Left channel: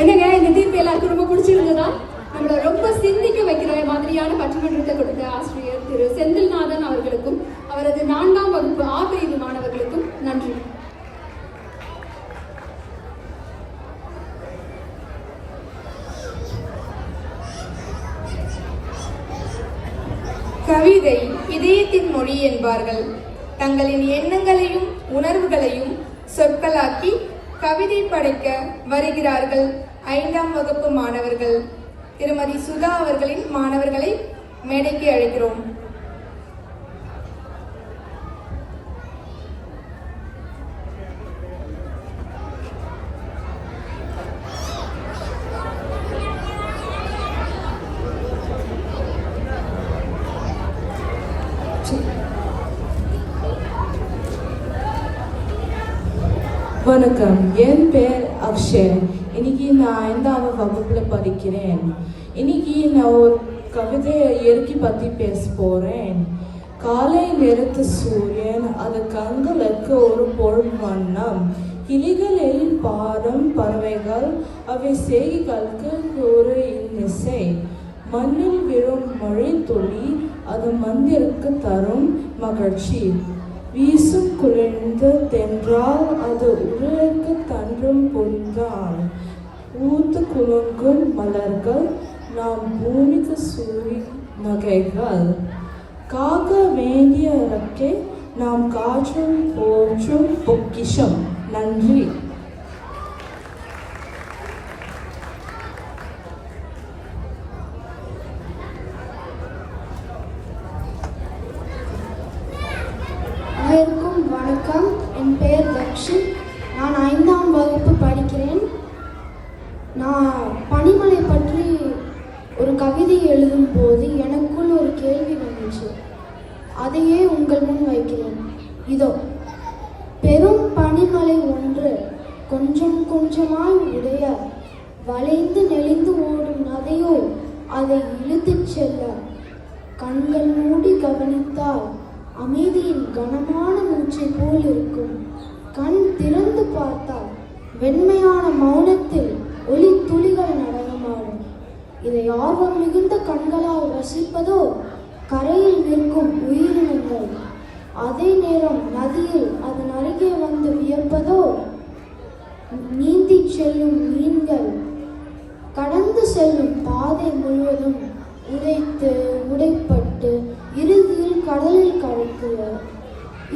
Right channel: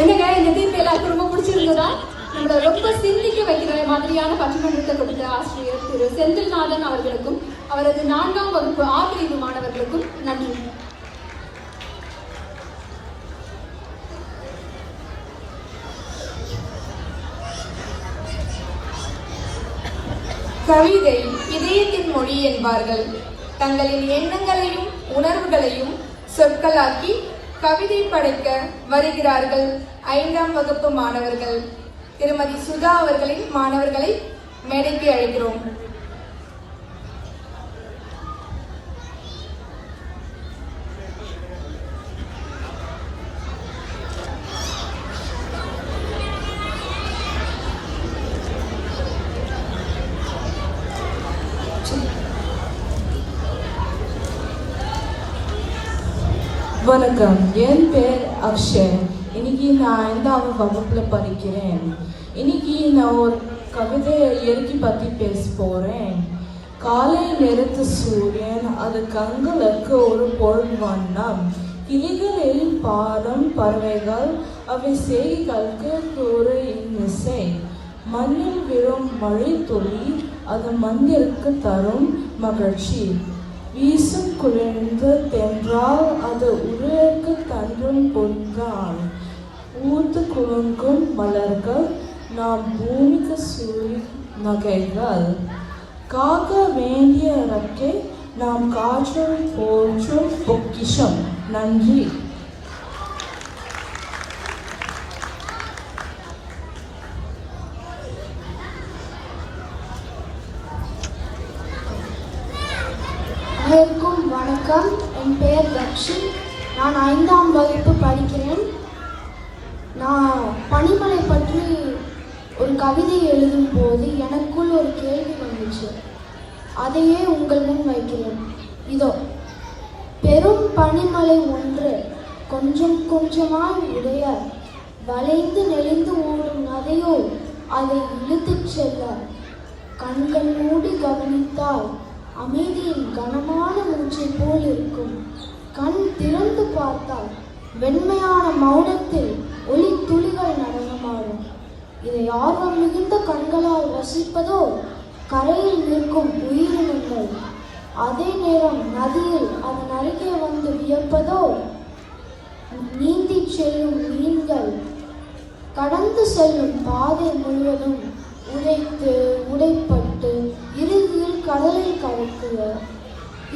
என்னங்க இந்த தீர்ப்பு எல்லாருக்கும் ரொம்ப பிடிச்சிருந்ததா? நம்மளை ரொம்ப சிந்திக்க வைக்கிற மாதிரியான பட்டிமன்றத்தை கொடுத்த ஆசிரியர் திரு செந்தில்நாதன் அவர்களுக்கும் அவரது 4ஆம் வகுப்பு ஆ பிரிவு மாணவர்களுக்கும் நன்றி. கவிதை இதயத்தின் மொழி என்பார்கள். தங்களின் எண்ணங்களையும் உணர்வுகளையும் சொற்களாக்கி கவிதை படைக்க வருகிறார்கள் 5ஆம் வகுப்பு மாணவர்கள். திருமதி சுதா அவர்களின் மாணவர்களை மேடைக்கு அழைக்கிறோம். வணக்கம், என் பேர் அக்ஷய். இன்னைக்கு நான் 5ஆம் வகுப்பில் படிக்கிறேன். இன்னைக்கு நான் ஒரு கவிதையை இயற்கை பற்றி பேச போகிறேன். காலை நேரத்து சூரியன் அது கண்களுக்கு ஒரு பொருள் வண்ணம். கிளிகளில் பாடும் பறவைகள் அவை செய்திகளுக்கு ஒரு இன்னிசை. மண்ணில் விழும் மழை துளி அது மண்ணிற்கு தரும் மகிழ்ச்சி. வீசும் குளிர்ந்த தென்றால் அது உடலுக்கு தன்றும் பொன்றால். ஊர்ந்து குலுங்கும் மலர்கள் நாம் பூமிக்கு சூழி நகைகள். காக்க வேண்டிய இறக்கை நாம் காற்றில் போற்றும் பொக்கிஷம். நன்றி. அனைவருக்கும் வணக்கம். என் பெயர் லக்ஷி. நான் 5ஆம் வகுப்பு படிக்கிறேன். நான் பனிமலை பற்றி ஒரு கவிதை எழுதும் போது எனக்குள் ஒரு கேள்வி வந்துச்சு. அதையே உங்கள் முன் வைக்கிறேன். இதோ. பெரும் பனிமலை ஒன்று கொஞ்சம் கொஞ்சமாய் உடைய வளைந்து நெளிந்து ஓடும் நதையோ அதை இழுத்துச் செல்ல கண்கள் மூடி கவனித்தால் அமைதியின் கனமான மூச்சை போல் இருக்கும். கண் திறந்து பார்த்தால் வெண்மையான மௌனத்தில் ஒளி துளிகள் நடனமாடும். இதை ஆர்வம் மிகுந்த கண்களால் ரசிப்பதோ கரையில் நிற்கும் உயிரினங்கள். அதே நேரம் நதியில் அதன் அருகே வந்து வியப்பதோ நீந்தி செல்லும் மீன்கள். கடந்து செல்லும் பாதை முழுவதும் உடைப்பட்டு இறுதியில் கடலில் கலக்குவர்.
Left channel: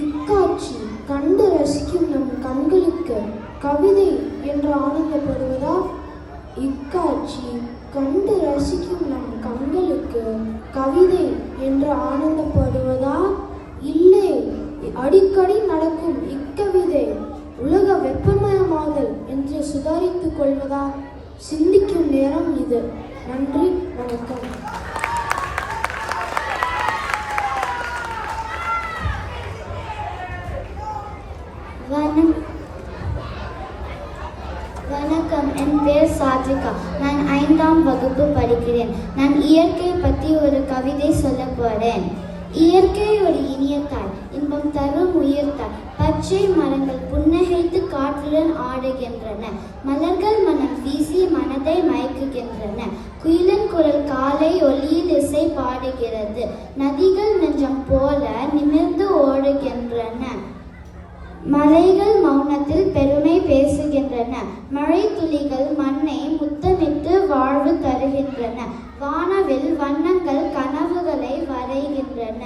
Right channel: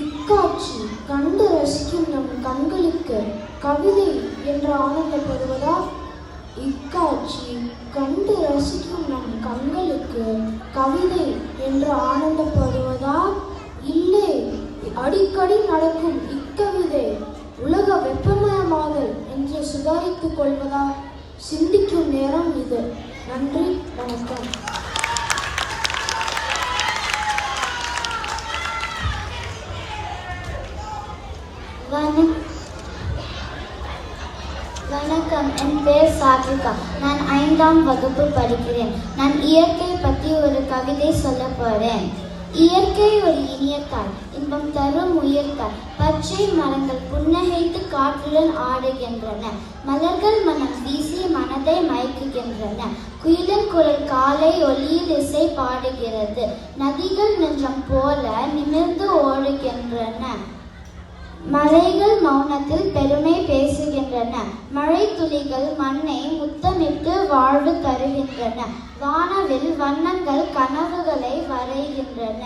இக்காட்சி கண்டு ரசிக்கும் நம் கண்களுக்கு கவிதை என்று ஆனந்தப்படுவதா? இக்காட்சி கண்டு ரசிக்கும் நம் கண்களுக்கு கவிதை என்று ஆனந்தப்படுவதா? இல்லை, அடிக்கடி நடக்கும் இக்கவிதை உலக வெப்பமயமாதல் என்று சுதாரித்துக் கொள்வதா? சிந்திக்கும் நேரம் இது. நன்றி, வணக்கம். வணக்கம், என் பேர் சாத்விகா. நான் 5ஆம் வகுப்பு படிக்கிறேன். நான் இயற்கை பற்றி ஒரு கவிதை சொல்ல போறேன். இயற்கை ஒரு இனிய தாய், இன்பம் தரும் உயிர்த்தாய். பச்சை மரங்கள் புன்னகைத்து காற்றுடன் ஆடுகின்றன. மலர்கள் மனம் வீசி மனதை மயக்குகின்றன. குயிலின் குரல் காலை ஒளியில் இசை பாடுகிறது. நதிகள் நெஞ்சம் போல நிமிர்ந்து ஓடுகின்றன. மலைகள் மௌனத்தில் பெருமை பேசுகின்றன. மழை துளிகள் மண்ணை முத்தமிட்டு வாழ்வு தருகின்றன. வானவில் வண்ணங்கள் கனவுகளை வரைகின்றன.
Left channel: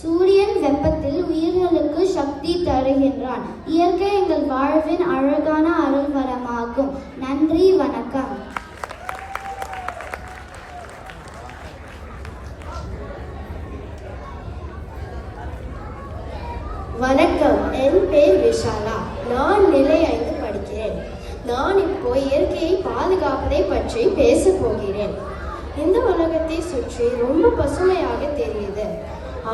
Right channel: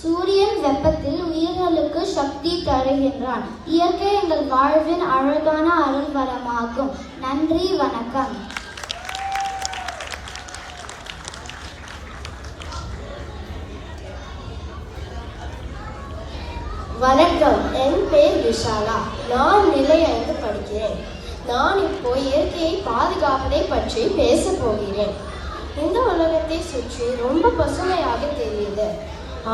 சூரியன் வெப்பத்தில் உயிர்களுக்கு சக்தி தருகின்றான். இயற்கை எங்கள் வாழ்வின் அழகான அருள்வரமாகும். நன்றி, வணக்கம். வணக்கம், என் பேர் விஷாலா. நான் நிலை 5 படிக்கிறேன். நான் இப்போ இயற்கையை பாதுகாப்பதை பற்றி பேச போகிறேன். இந்த உலகத்தை சுற்றி ரொம்ப பசுமையாக தெரியுது.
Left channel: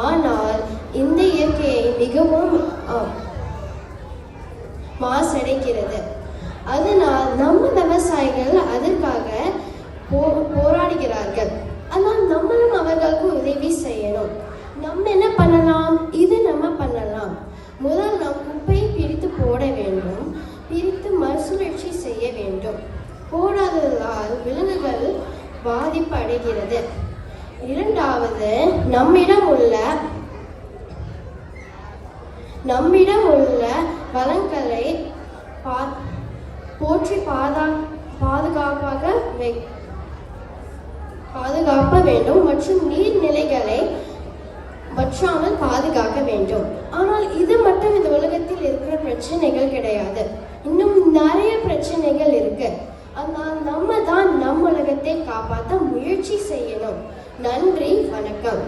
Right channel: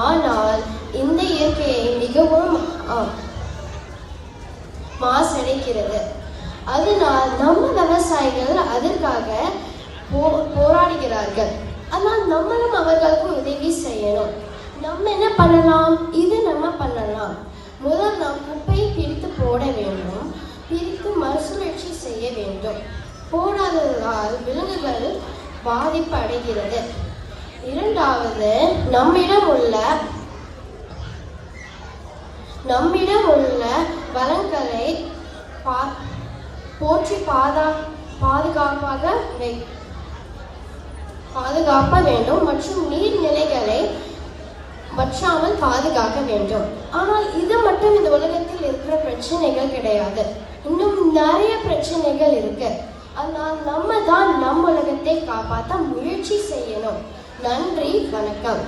ஆனால் இந்த இயற்கையை மிகவும் மாசடைக்கிறது. அதனால் நம்ம விவசாயிகள் அதற்காக போராடுகிறார்கள். ஆனால் நம்மளும் அவர்களுக்கு உதவி செய்யணும். நம்ம என்ன பண்ணலாம்? இது நம்ம பண்ணலாம். நம்மிடம் உள்ள வளங்களை போற்றி பாதுகாக்க வேண்டும் மற்றும் நீர்நிலைகளை வற்றாமல் பாதுகாக்க வேண்டும். ஆனால் இது மட்டும் இந்த உலகத்தில் இருக்கிற பிரச்சனைகள் கிடையாது. இன்னும் நிறைய பிரச்சனைகள் இருக்கு. அதனால் நம்ம தான் நம் உலகத்தை காப்பாற்ற முயற்சி செய்யணும். நன்றி, வணக்கம்.